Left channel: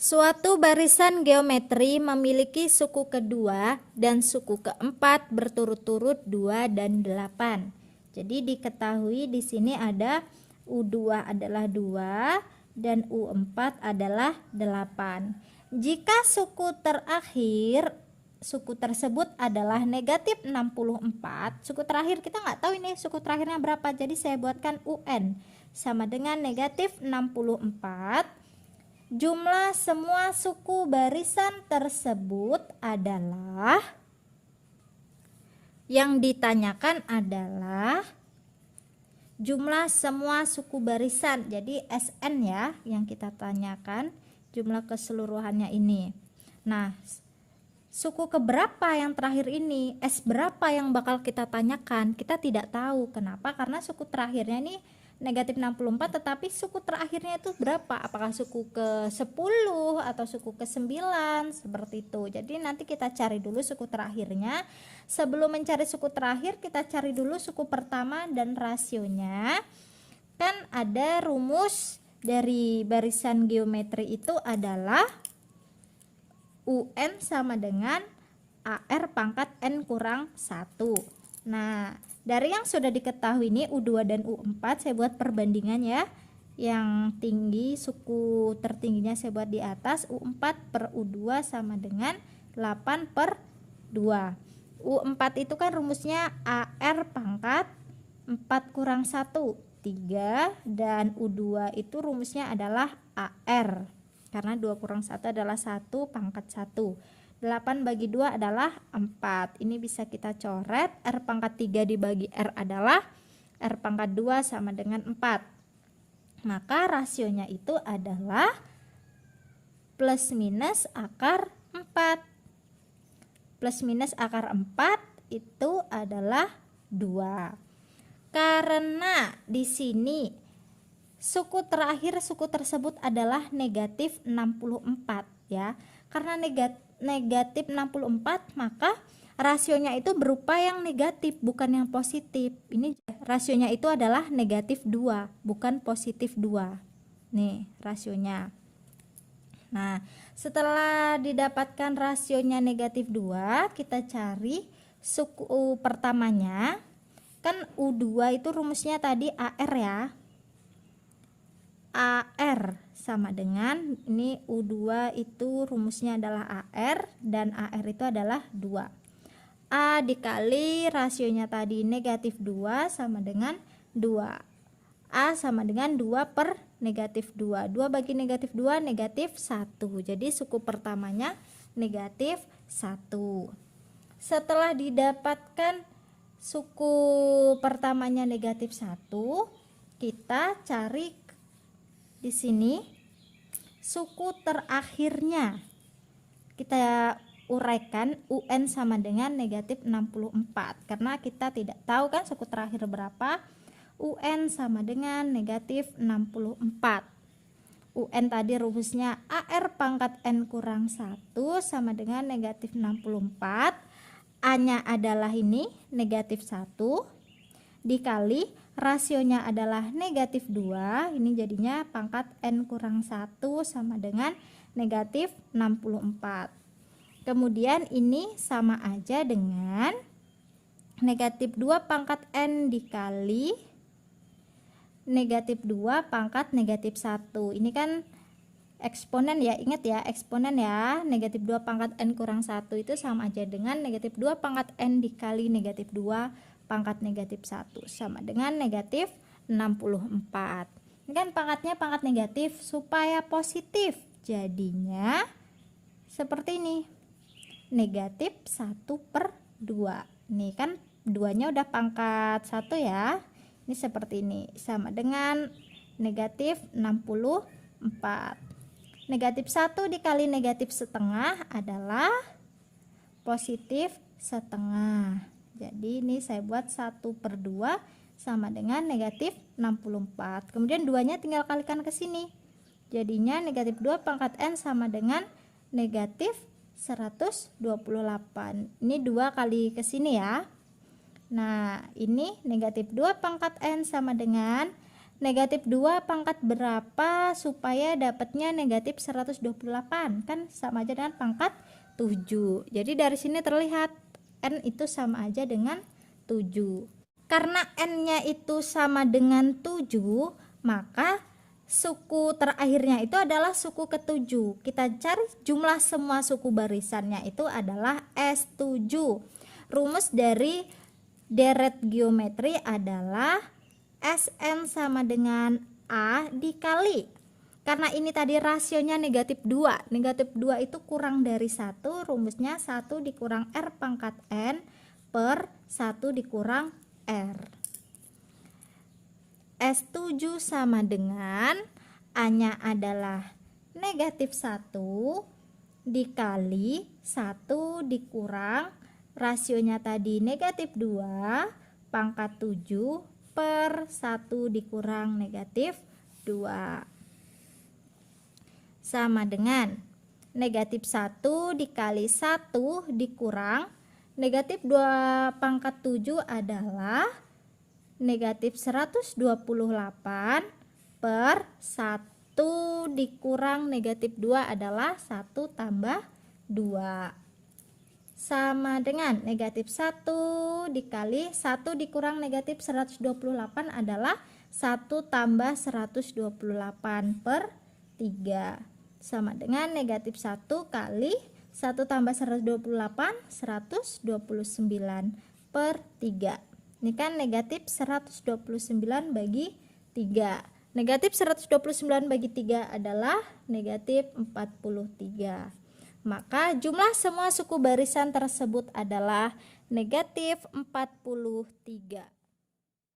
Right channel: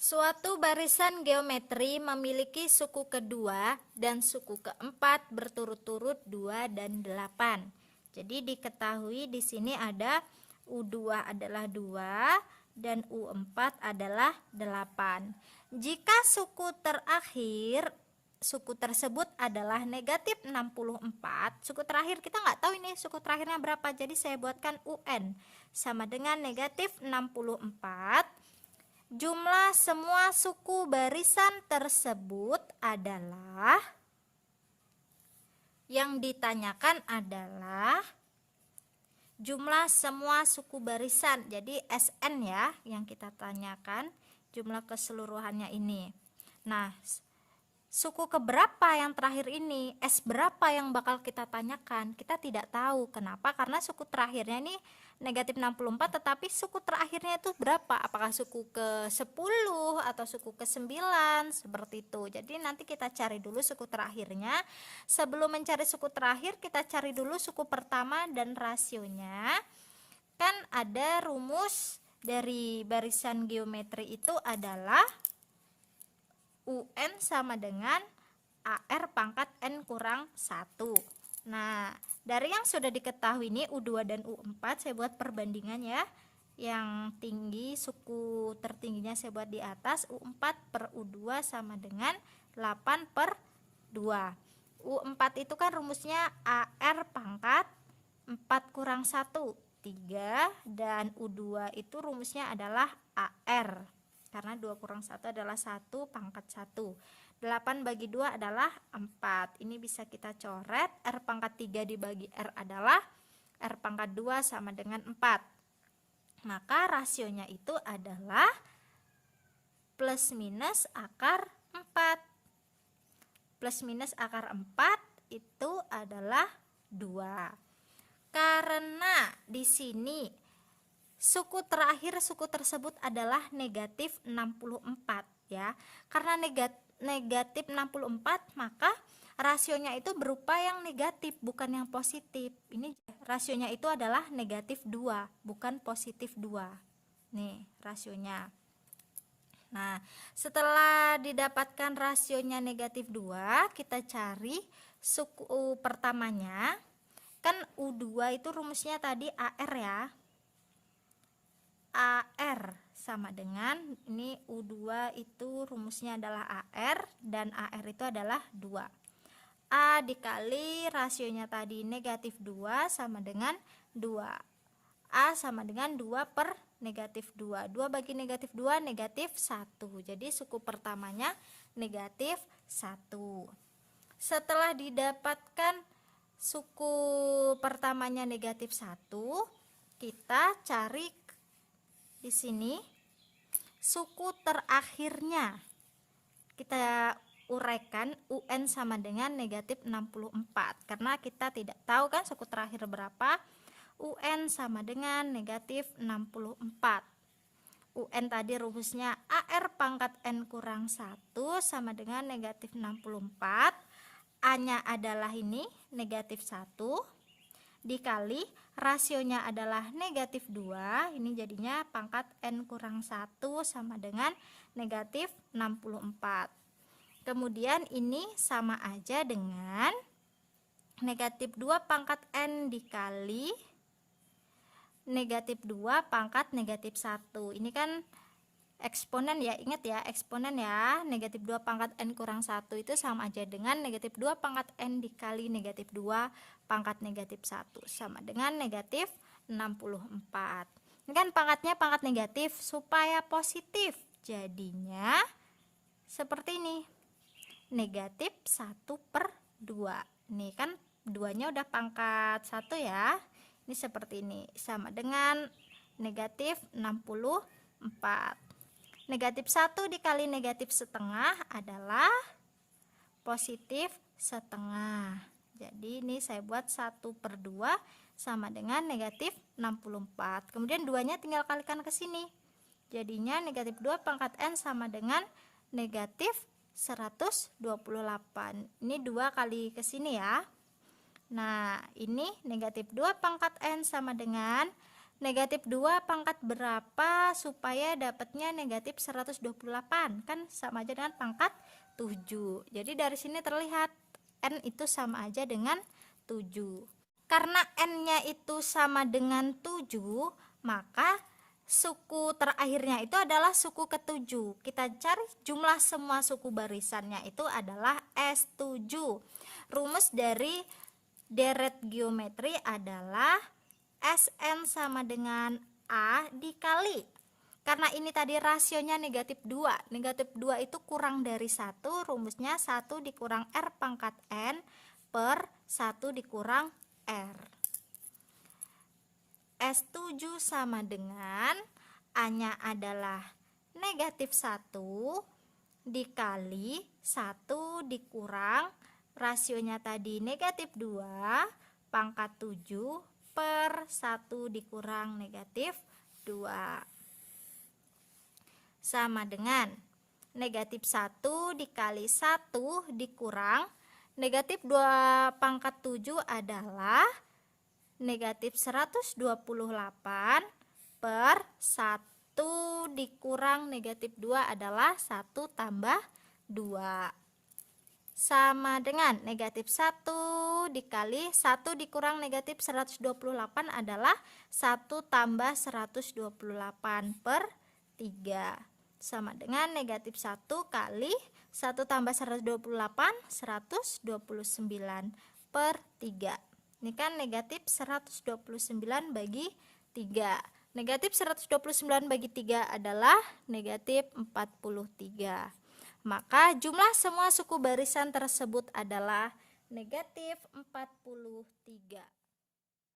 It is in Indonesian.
Suatu barisan geometri memiliki suku kedua dan suku keempat berturut-turut 2 dan 8. Jadi diketahui di sini ada U2 adalah 2 dan U4 adalah 8. Jika suku tersebut adalah negatif 64, suku terakhir kita nggak tahu ini suku terakhirnya berapa, jadi saya buatkan UN sama dengan negatif 64. Jumlah semua suku barisan tersebut adalah, yang ditanyakan adalah jumlah semua suku barisan. Jadi SN ya yang kita tanyakan, jumlah keseluruhannya ini. Nah, suku keberapa yang terakhir ini, S berapa yang bakal kita tanyakan, kita tidak tahu. Kenapa? Karena suku terakhirnya ini negatif 64, tetapi suku terakhirnya itu berapa, apakah suku ke 10 atau suku ke 9, seperti itu. Jadi nanti kita cari dulu suku terakhirnya. Sebelum mencari suku terakhir, kita cari dulu suku pertama dan rasionya. Kan ada rumus dari barisan geometri itu adalah UN sama dengan AR pangkat N kurang 1. Nah, dari yang sudah diketahui ini U2 dan U4, saya buat perbandingan ya. Yang tinggi, suku tertingginya saya buat di atas, U4 per U2 sama dengan 8 per 2. U4 itu kan rumusnya AR pangkat 4 kurang 1, 3. Dan U2 itu rumusnya adalah AR. Karena 2 kurang 1 adalah 1 pangkat 1. 8 bagi 2 adalah 4. Ini bisa kita coret. R pangkat 3 dibagi R adalah R pangkat 2 sama dengan 4. Maka rasionya itu adalah plus minus akar 4. Plus minus akar 4 itu adalah 2. Karena di sini suku terakhir suku tersebut adalah negatif 64 ya. Karena negatif 64, maka rasionya itu berupa yang negatif bukan yang positif. Ini rasionya itu adalah negatif 2 bukan positif 2. Nih rasionya. Nah, setelah didapatkan rasionya negatif 2, kita cari suku pertamanya. Kan U2 itu rumusnya tadi AR ya. AR sama dengan, ini U2 itu rumusnya adalah AR dan AR itu adalah 2. A dikali rasionya tadi negatif 2 sama dengan 2. A sama dengan 2 per negatif 2. 2 bagi negatif 2 negatif 1. Jadi suku pertamanya negatif 1. Setelah didapatkan suku pertamanya negatif 1, kita cari di sini suku terakhirnya. Kita uraikan UN sama dengan negatif 64. Karena kita tidak tahu kan suku terakhir berapa. UN sama dengan negatif 64. UN tadi rumusnya AR pangkat N kurang 1 sama dengan negatif 64. A-nya adalah ini negatif 1 dikali rasionya adalah negatif 2, ini jadinya pangkat N kurang 1 sama dengan negatif 64. Kemudian ini sama aja dengan negatif 2 pangkat N dikali negatif 2 pangkat negatif 1. Ini kan eksponen ya, ingat ya eksponen ya. Negatif 2 pangkat N kurang 1 itu sama aja dengan negatif 2 pangkat N dikali negatif 2 pangkat negatif 1 sama dengan negatif 64. Ini kan pangkatnya pangkat negatif supaya positif, jadinya seperti ini, negatif 1 per 2. Ini kan 2 nya udah pangkat 1 ya, ini seperti ini, sama dengan negatif 64. Negatif 1 dikali negatif setengah adalah positif setengah. Jadi ini saya buat 1 per 2 sama dengan negatif 64. Kemudian 2 nya tinggal kalikan ke sini. Jadinya negatif 2 pangkat N sama dengan negatif 128. Ini 2 kali ke sini ya. Nah, ini negatif 2 pangkat N sama dengan negatif 2 pangkat berapa supaya dapatnya negatif 128? Kan sama aja dengan pangkat 7. Jadi dari sini terlihat N itu sama aja dengan 7. Karena N-nya itu sama dengan 7, maka suku terakhirnya itu adalah suku ke-7. Kita cari jumlah semua suku barisannya itu adalah S7. Rumus dari deret geometri adalah Sn sama dengan A dikali, karena ini tadi rasionya negatif 2. Negatif 2 itu kurang dari 1, rumusnya 1 dikurang R pangkat N per 1 dikurang R. S7 sama dengan A-nya adalah negatif 1 dikali 1 dikurang rasionya tadi negatif 2 pangkat 7 per 1 dikurang negatif 2 sama dengan negatif 1 dikali 1 dikurang negatif 2 pangkat 7 adalah negatif 128 per 1 dikurang negatif 2 adalah 1 tambah 2 sama dengan negatif 1 dikali 1 dikurang negatif 128 adalah 1 tambah 128 per 3 sama dengan negatif 1 kali 1 tambah 128 129 per 3. Ini kan negatif 129 bagi 3. Negatif 129 bagi 3 adalah negatif 43. Maka jumlah semua suku barisan tersebut adalah negatif 43.